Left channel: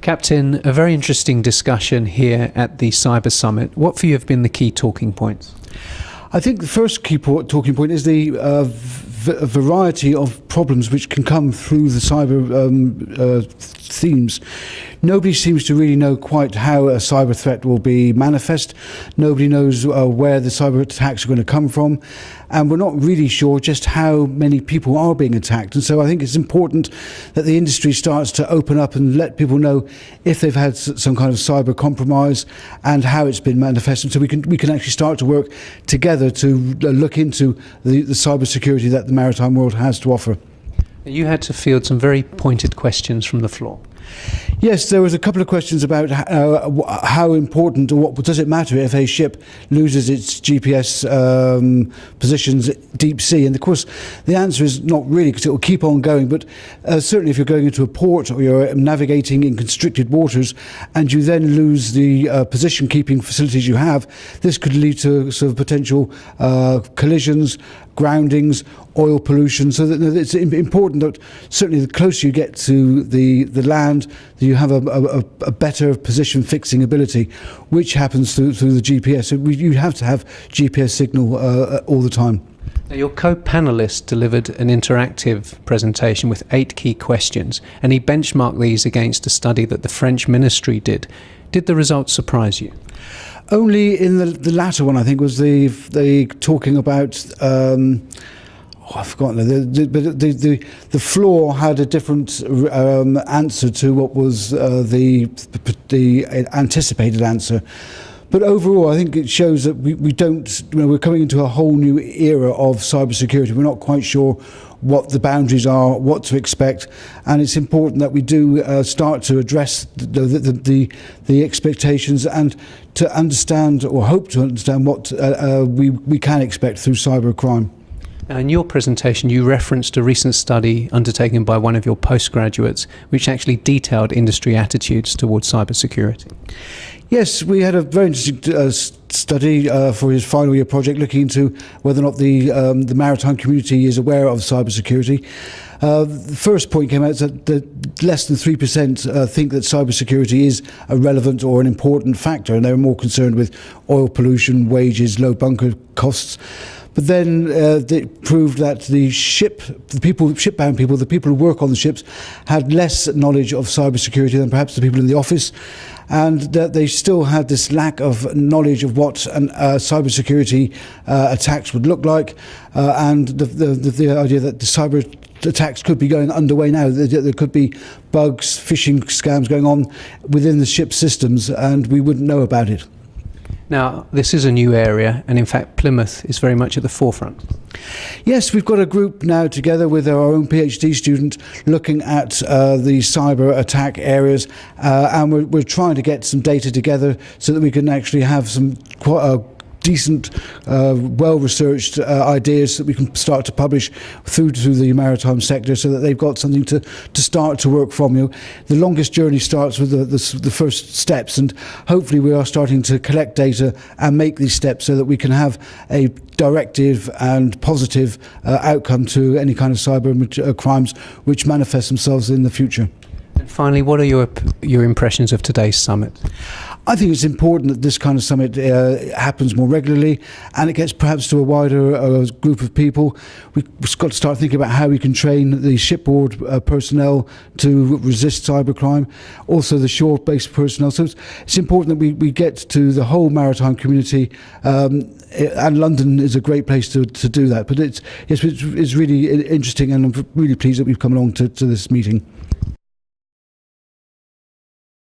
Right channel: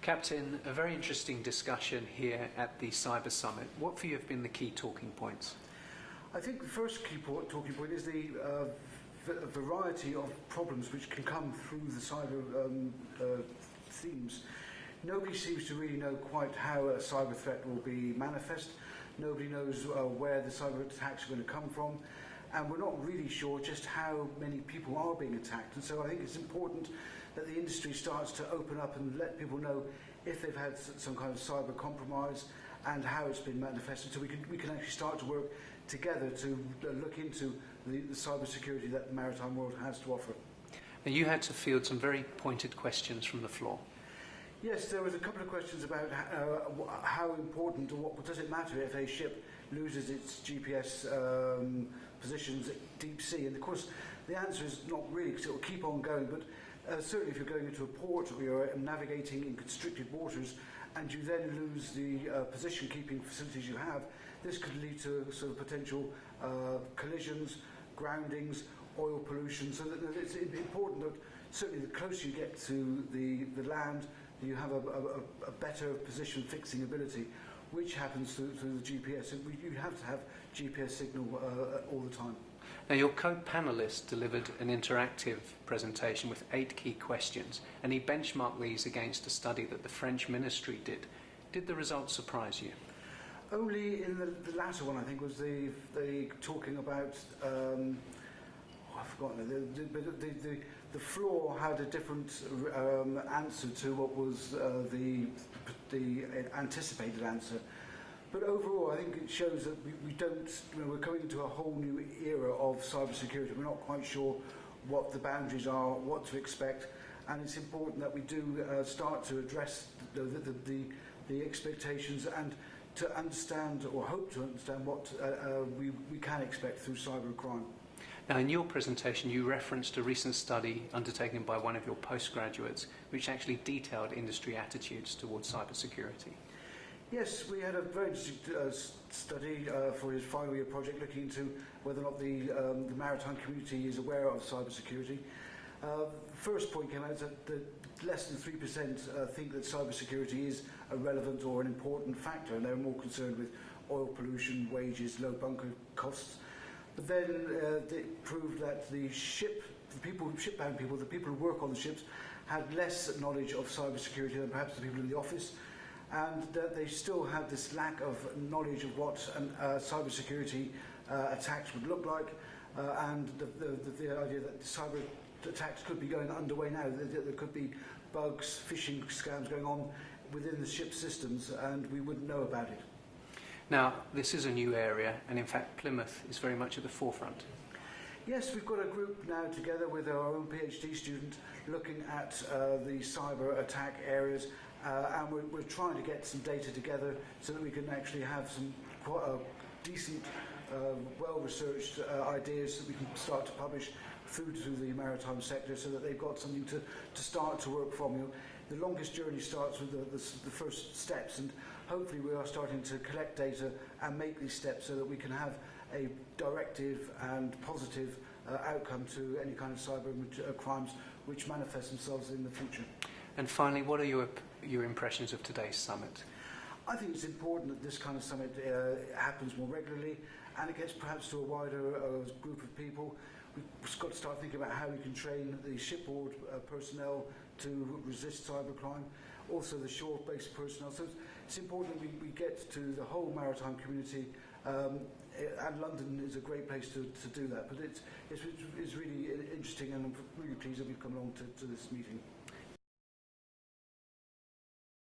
Captain, a very interesting discussion here at the Cyber Summit. What for you have been the key talking points? I think the first key talking point is the variety of problems which can come through the cyber themes. Nobody seems to really know quite how a cyber threat will be manifest. Nobody knows where the cyber attacks are going to come from. And we're not really sure just how many people are being attacked. And so I think it's important that the industry starts to open up and let people know if they've had some kind of cyber compromise and how it's been manifested. So we can actually start to work together to look into the cyber security that the maritime world has to offer. You had to field some very pointed questions from the floor. Yes, there was a couple of questions about how important, or what does it matter if a ship loses its GPS positions at deep sea? And of course, the answer is not really, because it will keep on going. But certainly, if you're going into a port or you're navigating in constricted waters, and you then lose the position-keeping facilities you have, this could lead to sort of potential collisions, groundings, oil pollution. So that it's important that certainly the closer you get to the land, you have a better position fixing ability, which happens through the GPS. So you have to have GPS signal all the time. Your co-panelist delivered an interactive presentation with 8 key questions, and he benchmarked these against a study that the French ministry did. Did the results surprise you? Only in the latter one, I think, was the talking about. I've forgotten. The floor had a different answer to what was the anticipated answer. But overall, I think it shows that we don't. We're coming into a whole new era of cybersecurity. We're not quite sure what the boundaries are, what to expect, and it's important that we do start to address the expectations and to understand, or hope to understand, what we can expect through cybercrime. Now, in your presentation, you referenced a recent study undertaken by one of your postgraduates, which actually detailed industry attitudes towards cybersecurity. Yes, we had a very interesting study for his final year project, looking into whether or not the maritime community is aware of cybersecurity. The first point came out that less than 3% think that cybersecurity is a relevant or an important factor, and they're more concerned with oil pollution, wages, low bunker costs. But then it proved that shipbound people, the people who work on the ships, had less knowledge of cybersecurity than perhaps the people in the office, and that they still had this lack of knowledge of what cybersecurity attacks would look like, and the idea that the cyber attacks could be going underway now. There could be bugs, phishing scams going on within the ship systems, and we wouldn't know about it. Now, this is a new area, and in fact, Plymouth is very much at the forefront. Yes, we've got a group now together with our own PhD student looking at the cyber attack areas, and we're trying to get some data together so that we can actually have some quite decent, well-researched ideas that we can start to publish through to the maritime sector, so that they've got something to start to work from. The longest journey starts with the first steps, and hopefully we are starting to collect data and make these steps so that we can have a directive and positive outcome to any kind of cyber crimes which manifest themselves in the future. And finally, what are your impressions of today's summit? I think it's important that this kind of summit happens more regularly, and it gets perhaps to a wider group of people. We've got to start thinking about how we can train the shipboard personnel to resist cybercrime, also the shore-based personnel. So it's important that we get to the whole maritime community, and London is a great place to do that. But it's really interesting, and I'm really pleased that we've come along to this meeting.